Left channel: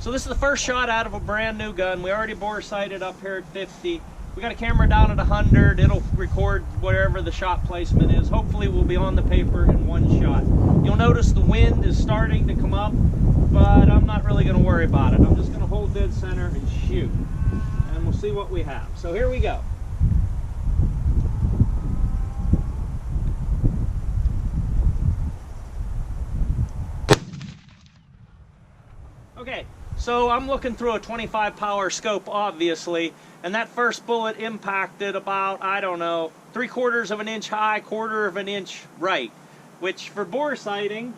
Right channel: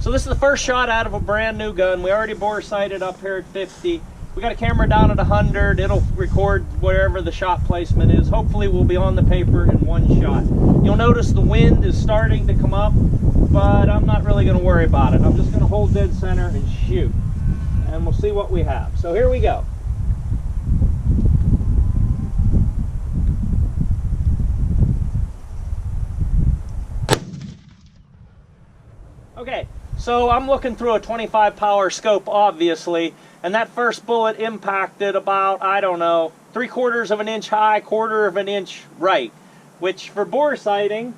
So this is the first shot out of a brand new gun. We already bore sighted up here at 50. We got a camera down at 100. It'll record wherever the shot placement is. Hopefully we'll be on the paper in one shot. You'll notice the wind is starting to come up, but I'm not really going to worry about it. I'm just going to hold dead center and shoot, and we'll see what we have. So here we go. Okay, so I'm looking through a 25 power scope, obviously, and that first bullet impacted about, I don't know, 3/4 of an inch high, 1/4 of an inch right, which for bore sighting,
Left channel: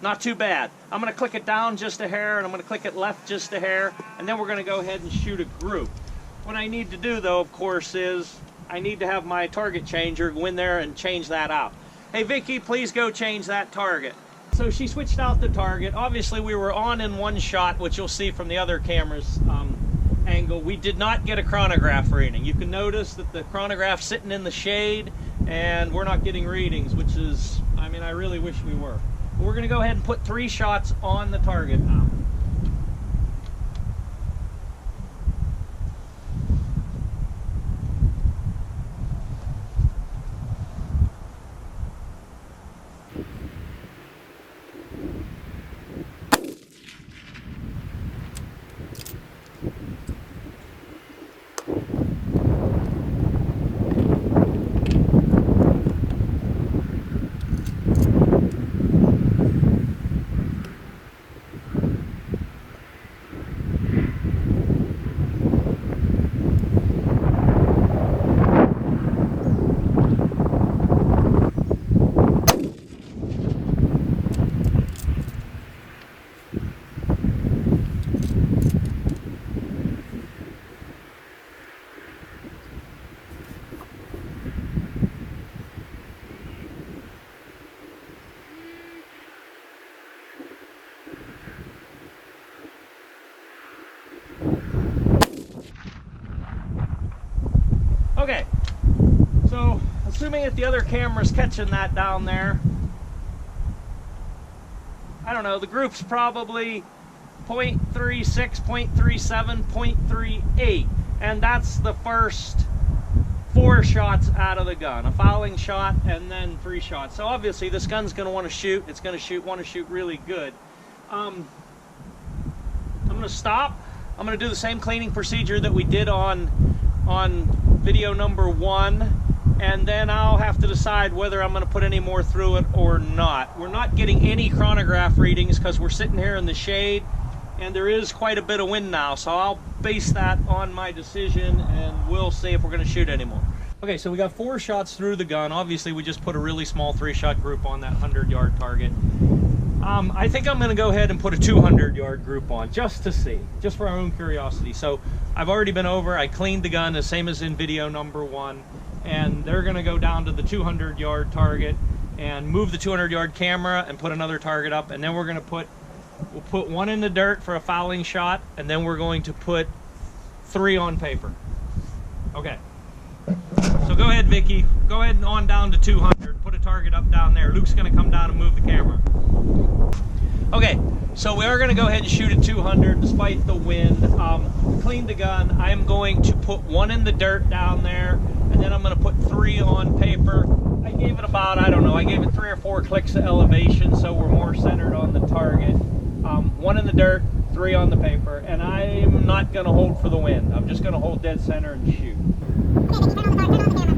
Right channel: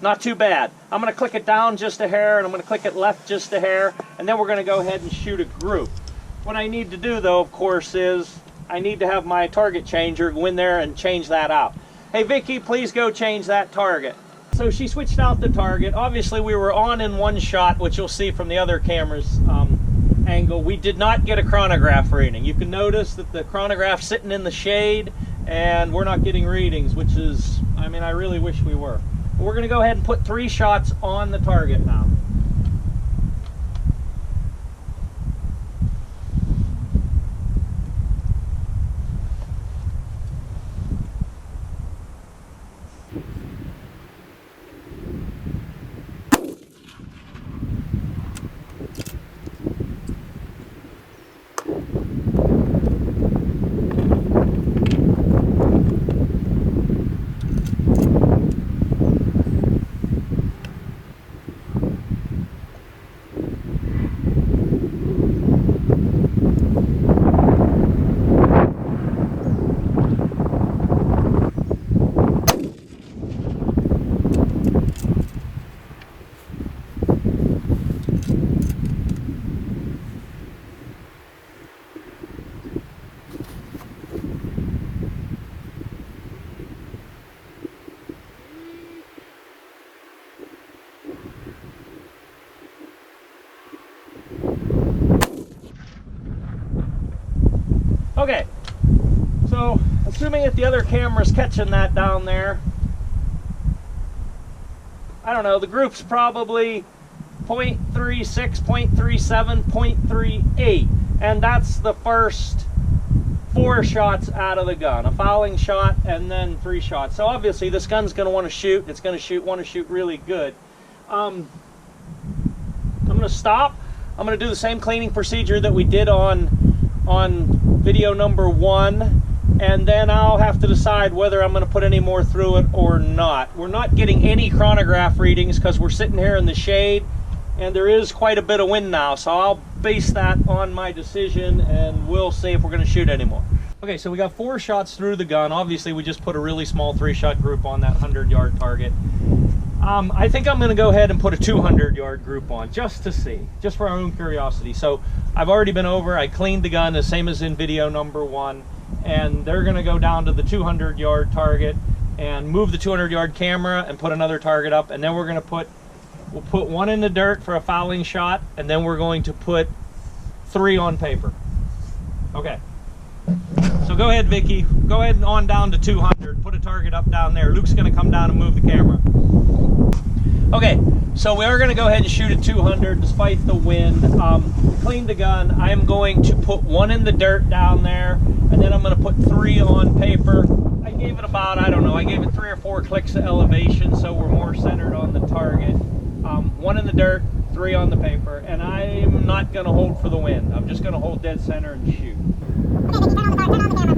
not too bad. I'm going to click it down just a hair, and I'm going to click it left just a hair, and then we're going to go ahead and shoot a group. What I need to do, though, of course, is I need to have my target changer go in there and change that out. Hey, Vicky, please go change that target. So she switched out the target. Obviously, we were on in one shot, which you'll see from the other camera's angle. We did not get a chronograph reading. You can notice that the chronograph's sitting in the shade, and we're not getting readings, which is, I mean, I really wish we were. But we're going to go ahead and put 3 shots on the target now. Okay, so assuming that the other camera's catching that down there, I don't know, the group's probably 0.36, 0.37, 0.38, and that's the first 4 shots out of the gun. A fouling shot and then 3 shots. So obviously this gun's going to want to shoot. It's going to want to shoot really good. I'm going to stop. I'm going to do the same cleaning procedure that we did on video number 1, and then I'll have to decide whether I'm going to put any more through it or not. We're not getting any chronograph readings because we're sitting here in the shade, and there is quite a bit of wind now, so I'll base that on my decision, and we'll see if we're going to shoot anymore. Okay, so we got 4 shots through the gun. Obviously, we just put a really small 3-shot group on that 100-yard target. I think I'm going to go ahead and put a 200-yard group on, just to see, just for our own curiosity. So I've already been over, I cleaned the gun, the same as in video number 1, and they're going to go down to the 200-yard target and move the 200-yard camera and put another target up, and then we're going to we'll put 1 in the dirt for a fouling shot, and then we're going to put 3 on paper. Okay. So go ahead, Vicky. Go ahead and on down to 200. Put a target up down there. Luke's going to come down and move the camera. Okay, so we are going to go ahead and shoot at 200 despite the wind. We cleaned the gun. I am going to put 1 in the dirt down there, and then I'm going to put 3 on paper. I gave it about, I don't know, I gave it 3 or 4 clicks of elevation so we're more centered on the target. 1 in the dirt, 3 on the paper, and I'm not going to hold for the wind. I'm just going to hold dead center and shoot. Okay, Vicky, turn on the camera.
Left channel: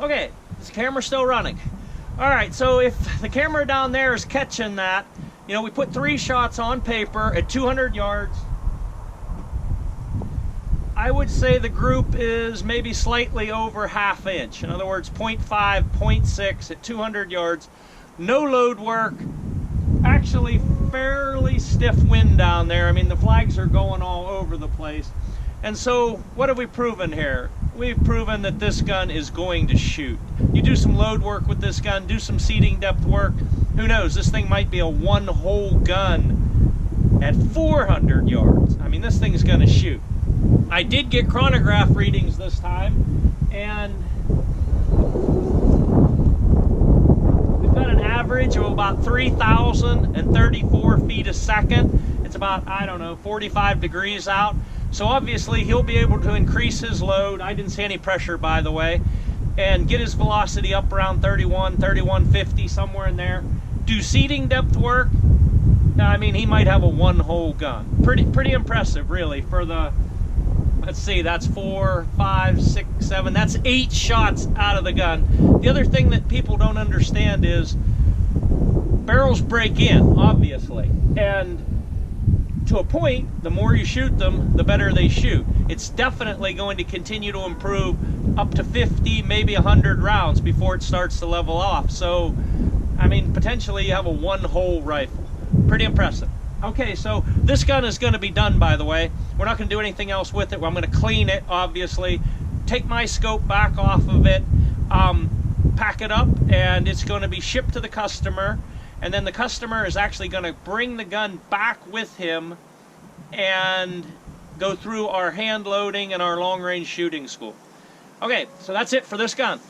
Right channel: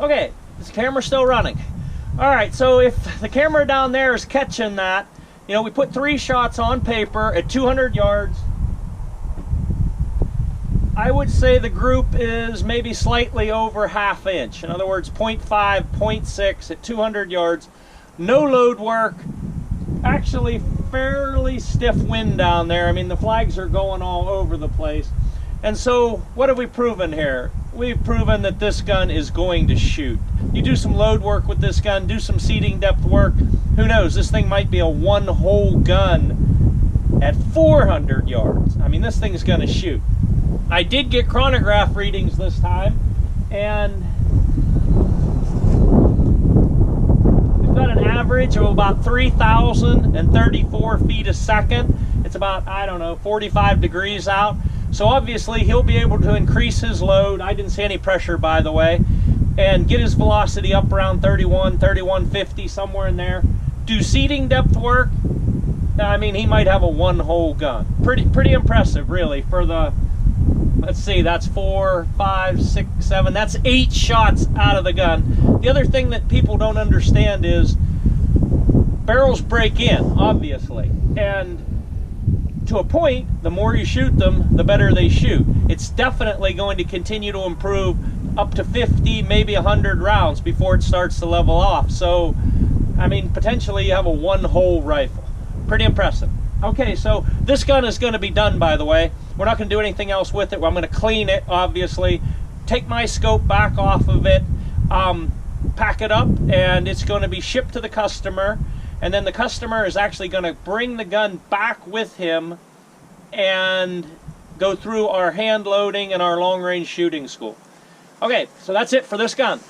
Okay, is the camera still running? All right, so if the camera down there is catching that, you know, we put 3 shots on paper at 200 yards. I would say the group is maybe slightly over ½ inch. In other words, 0.5, 0.6 at 200 yards. No load work. Actually, fairly stiff wind down there. I mean, the flags are going all over the place. And so, what have we proven here? We've proven that this gun is going to shoot. You do some load work with this gun, do some seating depth work. Who knows, this thing might be a one-hole gun at 400 yards. I mean, this thing's going to shoot. I did get chronograph readings this time, and we've got an average of about 3,034 feet a second. It's about, I don't know, 45 degrees out. So obviously he'll be able to increase his load. I didn't see any pressure, by the way, and get his velocity up around 31, 3150, somewhere in there. Do seating depth work. I mean, he might have a one-hole gun. Pretty impressive, really, for the, let's see, that's 4, 5, 6, 7, that's 8 shots out of the gun. The other thing that people don't understand is barrels break in, obviously, and to a point, the more you shoot them, the better they shoot. It's definitely going to continue to improve up to 50, maybe 100 rounds before it starts to level off. So, I mean, potentially you have a one-hole rifle. Pretty impressive. Okay, so this gun is going to be done, by the way. We're not going to do anything else with it. I'm going to clean it, obviously, take my scope back off of it, pack it up, and it's going to be shipped to the customer. And then the customer is actually going to bring the gun back with him and go through our hand loading and our long-range shooting school. Okay, so that's it for this gun.